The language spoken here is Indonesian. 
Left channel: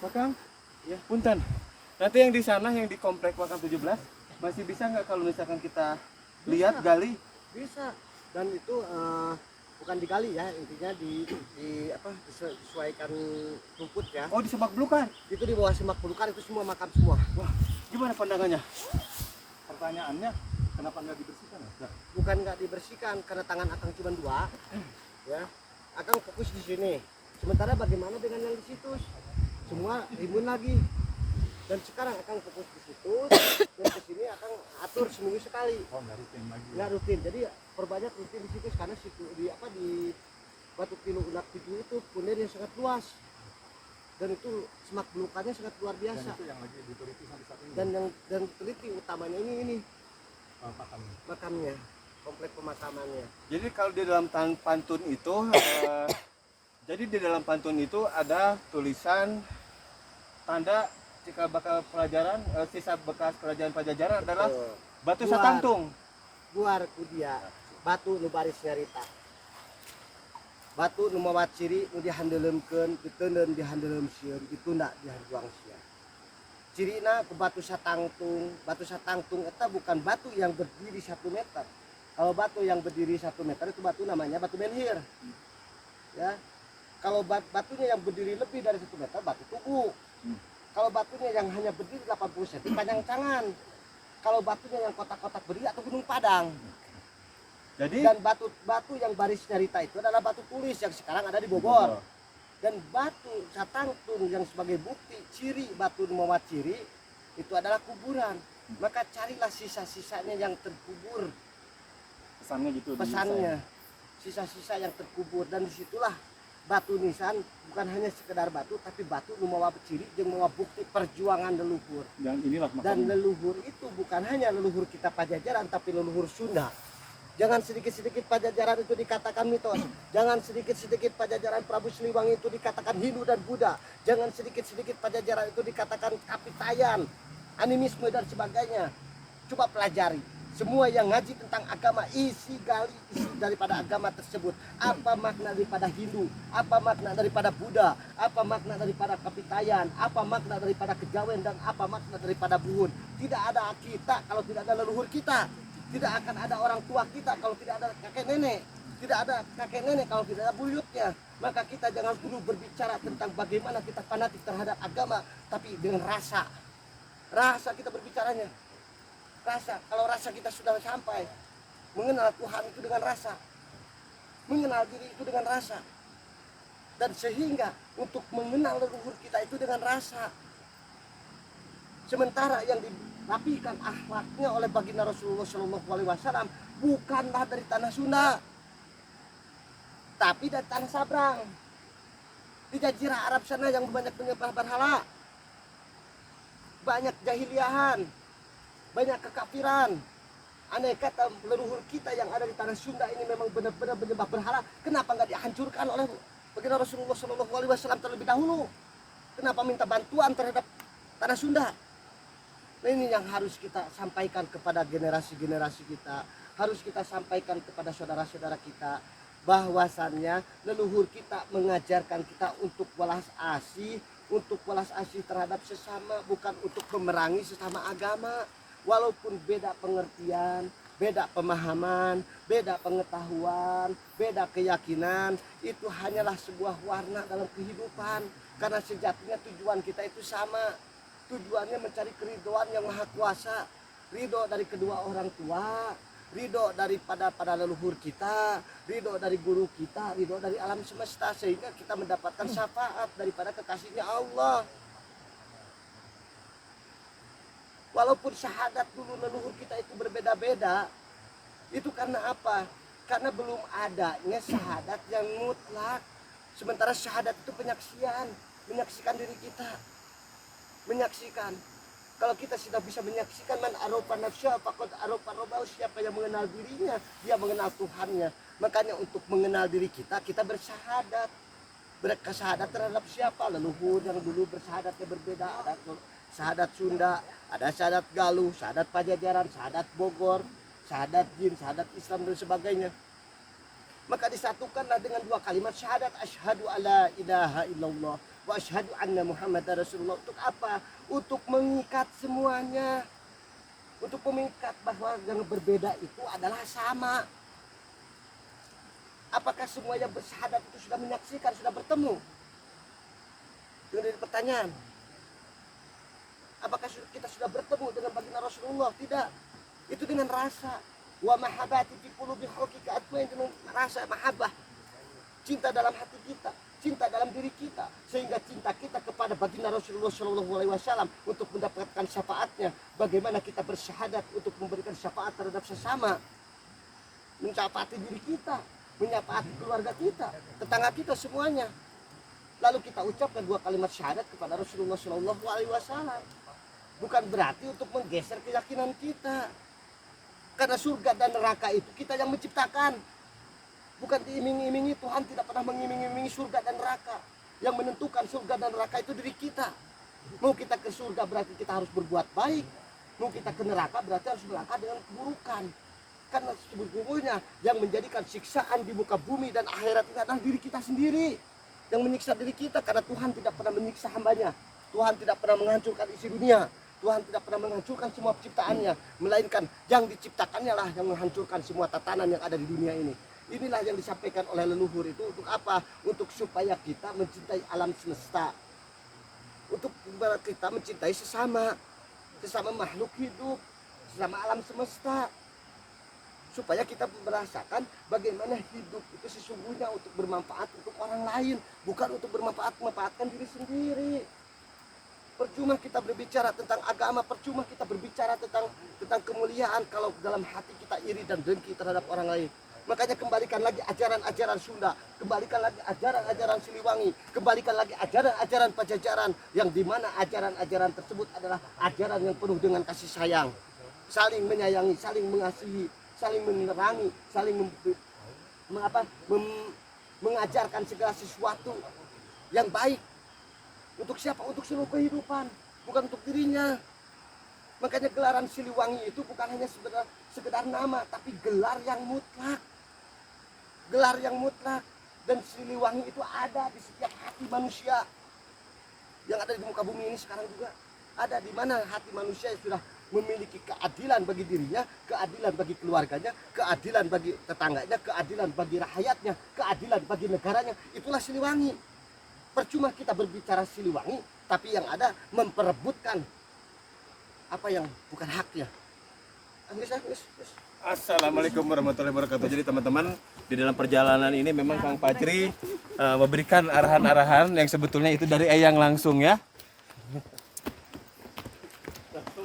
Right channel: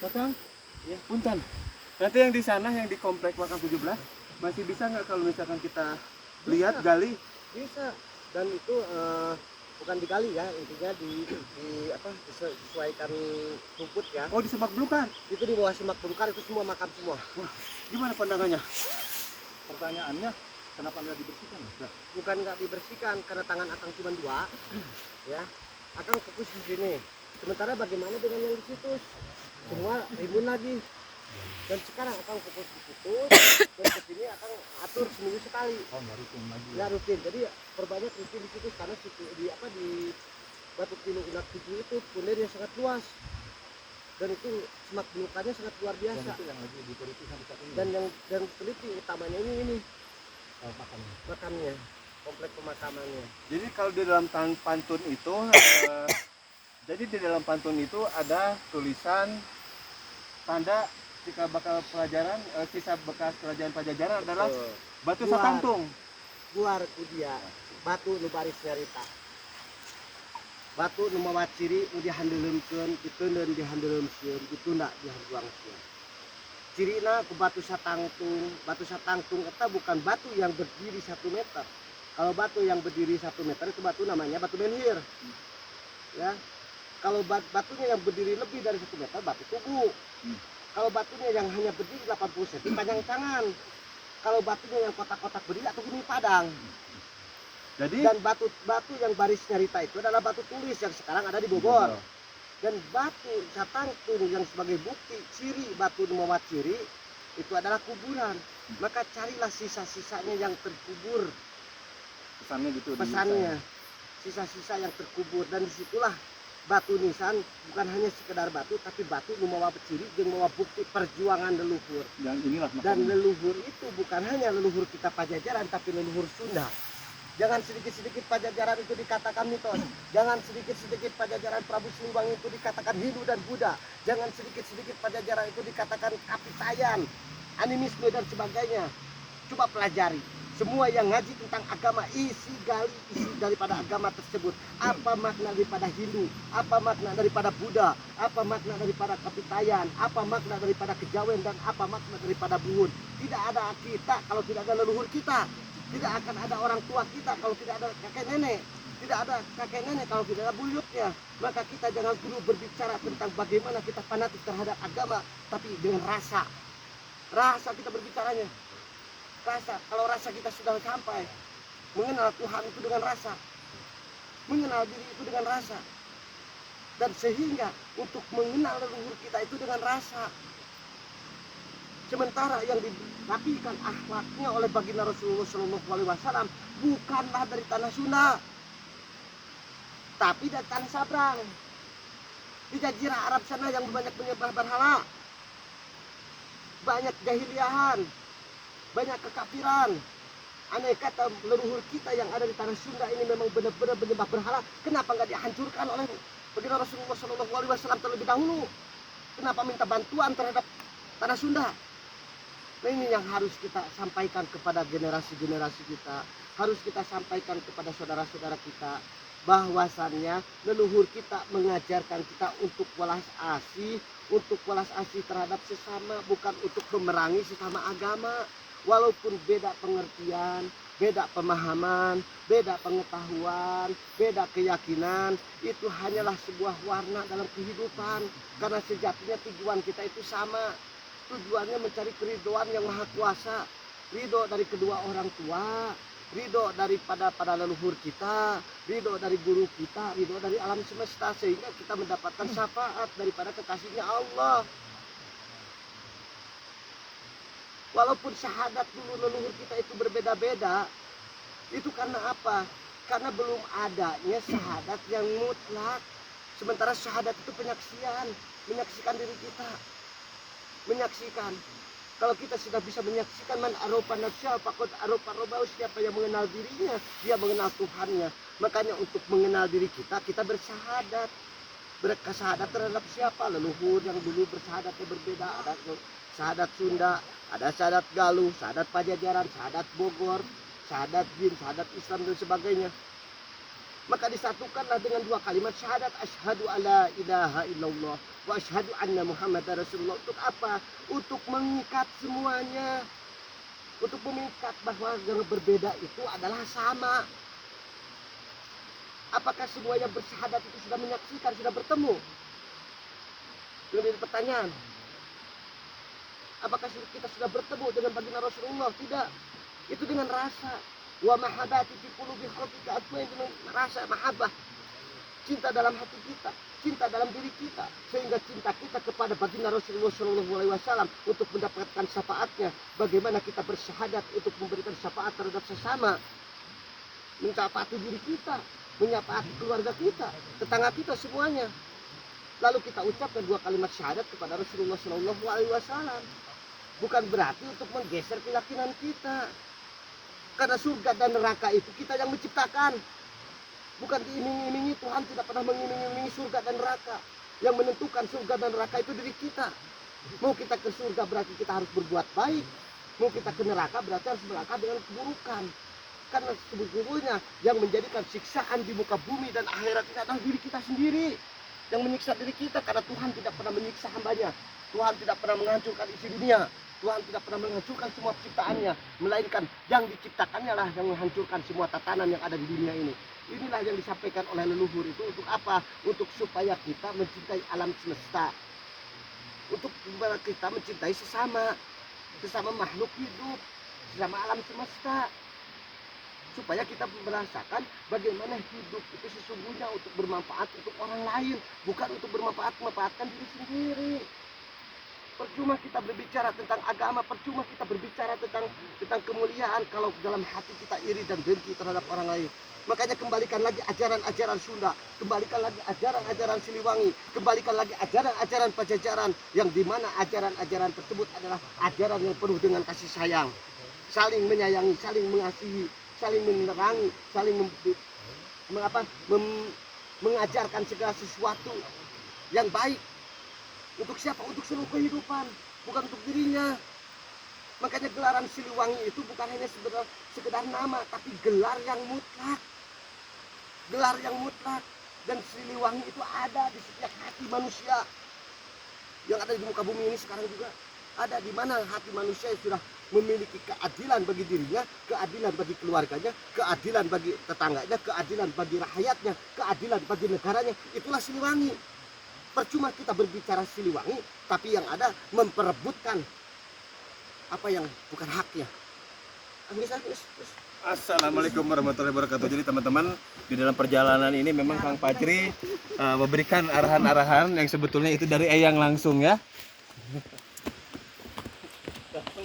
Kakang, ya punten. Nanti yang di sana yang di komplek Makam 17 masih bisa nggak kalau misalkan kita lihat gali? Bisa. Dan itu bukan digali ya, intinya disesuaikan rumput ya. Oh, di semak belukar. Itu di bawah semak belukar itu semua makam semua. Wah, gimana pandangannya? Pertanyaannya, kenapa nggak dibersihkan? Ya? Bukan nggak dibersihkan karena tangan akang cuma 2, ya. Akang fokus di sini. Sementara bagaimana dengan yang di situ? Semua rimbun lagi. Dan sekarang akang fokus di situ, dan ke sini akang atur seminggu sekali. Oh, nggak rutin lagi. Nggak rutin. Jadi perbanyak rutin di situ karena situ di Batu Kilo Unak 7 itu punir yang sangat luas. Dan itu semak belukannya sangat luar Dan biasa. itu yang lagi diteliti sampai saat ini. Dan yang teliti utamanya ini Makamnya. makamnya, komplek pemakamannya. Jadi kalau di dalam pantun itu jadi di dalam pantun itu ada tulisan tanda jika bakal pelajaran sisa bekas kerajaan Pajajaran adalah batu Buar. satangtung. Buar kudia batu nu baris nyarita, batu nu mawa ciri nu dihandeuleumkeun diteuneun dihandeuleumsieun ditunda dihanduang sieun. Cirina ke batu satangtung eta bukan batu yang berdiri 1 meter. Kalau batu yang berdiri 1 meter itu batu namanya batu menhir, ya. Kalau batunya yang berdiri lebih dari 1 meter batu tugu. Kalau batunya yang hanya berdiri 80 cm panjang tangan. Kalau batunya yang kotak-kotak berdiri atau gunung padang. Jadi Dan batu yang baris nyarita itu adalah batu tulis yang sekarang ada di Bogor. Dan batu satangtung yang sebagai bukti ciri batu mawa ciri itu adalah kuburan. Maka carilah sisa-sisanya yang terkubur. Pesannya gitu. Pesannya sisa-sisa yang terkubur, dan disitulah batu nisan bukan hanya sekedar batu tapi batu nu mawa ciri jeung mawa bukti perjuangan leluhur. Dan inilah Dan makamnya. leluhur itu bukan hanya leluhur kita Pajajaran tapi leluhur Sunda. Jangan sedikit-sedikit Pajajaran itu dikatakan mitos. Jangan sedikit-sedikit Pajajaran Prabu Siliwangi itu dikatakan Hindu dan Buddha. Jangan sedikit-sedikit Pajajaran itu dikatakan kapitayan, animisme dan sebagainya. Coba pelajari. Semua yang ngaji tentang agama, isi daripada agama tersebut. Apa makna daripada Hindu, apa makna daripada Buddha, apa makna daripada kapitayan, apa makna daripada kejawen, dan apa makna daripada buhun. Tidak ada kita kalau tidak ada leluhur kita. Tidak akan ada orang tua kita kalau tidak ada kakek nenek. Tidak ada kakek nenek kalau tidak ada buyutnya. Maka kita jangan dulu berbicara tentang bagaimana kita fanatik terhadap agama, tapi dengan rasa. Rasa kita berbicaranya. Rasa, kalau rasa kita sudah sampai mengenal Tuhan itu dengan rasa, mengenal diri itu dengan rasa, dan sehingga untuk mengenal leluhur kita itu dengan rasa. Sementara yang dirapikan akhlaknya oleh baginda Rasulullah SAW bukanlah dari tanah Sunda, tapi dari tanah Sabrang, di jazirah Arab sana yang banyak menyembah berhala, banyak jahiliahan, banyak kekafiran. Andai kata leluhur kita yang ada di tanah Sunda ini memang benar-benar menyembah berhala, kenapa nggak dihancurkan oleh baginda Rasulullah SAW terlebih dahulu? Kenapa minta bantuan terhadap tanah Sunda? Nah, ini yang harus kita sampaikan kepada generasi-generasi kita, harus kita sampaikan kepada saudara-saudara kita, bahwasannya leluhur kita mengajarkan kita untuk welas asih, terhadap sesama, bukan untuk memerangi sesama agama. Walaupun beda pengertian, beda pemahaman, beda pengetahuan, beda keyakinan, itu hanyalah sebuah warna dalam kehidupan. Karena sejatinya tujuan kita itu sama. Tujuannya mencari keridhaan yang maha kuasa, ridho dari kedua orang tua, ridho daripada para leluhur kita, ridho dari guru kita, ridho dari alam semesta, sehingga kita mendapatkan syafaat daripada kekasihnya Allah. Walaupun syahadat dulu leluhur kita itu berbeda-beda, itu karena apa? Karena belum adanya syahadat yang mutlak. Sementara syahadat itu menyaksikan diri kita. Menyaksikan. Kalau kita sudah bisa menyaksikan man arofa nafsa faqad arofa rabbahu, siapa yang mengenal dirinya, dia mengenal Tuhannya. Makanya untuk mengenal diri kita bersyahadat. Berkesyahadat terhadap siapa? Leluhur yang dulu bersyahadatnya berbeda. Ada syahadat Sunda, ada syahadat Galuh, syahadat Pajajaran, syahadat Bogor, syahadat Jin, syahadat Islam dan sebagainya. Maka disatukanlah dengan dua kalimat syahadat asyhadu alla ilaha illallah wa asyhadu anna muhammadar rasulullah. Untuk apa? Untuk mengikat semuanya. Untuk mengikat bahwa yang berbeda itu adalah sama. Apakah semua yang bersyahadat itu sudah menyaksikan, sudah bertemu? Ini jadi pertanyaan. Apakah kita sudah bertemu dengan baginda Rasulullah? Tidak. Itu dengan rasa. Wa mahabbati fi qulubi khalqika atma, itu rasa mahabbah. Cinta dalam hati kita, cinta dalam diri kita, sehingga cinta kita kepada baginda Rasulullah SAW untuk mendapatkan syafaatnya. Bagaimana kita bersyahadat untuk memberikan syafaat terhadap sesama, mencapai diri kita, menyapaati keluarga kita, tetangga kita, semuanya. Lalu kita ucapkan dua kalimat syahadat kepada Rasulullah SAW. Bukan berarti untuk menggeser keyakinan kita. Karena surga dan neraka itu kita yang menciptakan. Bukan diiming-imingi. Tuhan tidak pernah mengiming-imingi surga dan neraka. Yang menentukan surga dan neraka itu diri kita. Mau kita ke surga berarti kita harus berbuat baik. Mau kita ke neraka berarti harus melangkah dengan keburukan. Karena sebetulnya yang menjadikan siksaan di muka bumi dan akhirat ini adalah diri kita sendiri. Yang menyiksa diri kita, karena Tuhan tidak pernah menyiksa hambanya. Tuhan tidak pernah menghancurkan isi dunia. Tuhan tidak pernah menghancurkan semua ciptaannya, melainkan yang diciptakannya lah yang menghancurkan semua tatanan yang ada di dunia ini. Inilah yang disampaikan oleh leluhur itu. Untuk apa? Untuk supaya kita mencintai alam semesta. Untuk kita mencintai sesama makhluk hidup, sesama alam semesta. Supaya kita merasakan bagaimana hidup itu sesungguhnya untuk bermanfaat untuk orang lain, bukan untuk memanfaatkan diri sendiri. Percuma kita berbicara tentang agama, percuma kita berbicara tentang kemuliaan kalau dalam hati kita iri dan dengki terhadap orang lain. Makanya kembalikan lagi ajaran-ajaran Sunda, kembalikan lagi ajaran-ajaran Siliwangi, kembalikan lagi ajaran-ajaran Pajajaran, yang dimana ajaran-ajaran tersebut adalah ajaran yang penuh dengan kasih sayang, saling menyayangi, saling mengasihi, saling menerangi, saling mengajarkan segala sesuatu yang baik. Untuk siapa? Untuk seluruh kehidupan, bukan untuk dirinya. Makanya gelaran Siliwangi itu bukan hanya sekedar nama, tapi gelar yang mutlak. Gelar yang mutlak. Dan Siliwangi itu ada di setiap hati manusia yang ada di muka bumi ini sekarang juga. Ada di mana hati manusia yang sudah memiliki keadilan bagi dirinya, keadilan bagi keluarganya, keadilan bagi tetangganya, keadilan bagi rakyatnya, keadilan bagi negaranya. Itulah Siliwangi. Percuma kita berbicara Siliwangi, tapi yang ada memperebutkan apa yang bukan haknya. Assalamualaikum warahmatullahi wabarakatuh. Jadi teman-teman, di dalam perjalanan ini memang Kang Fajri memberikan arahan-arahan yang sebetulnya itu dari Eyang langsung ya.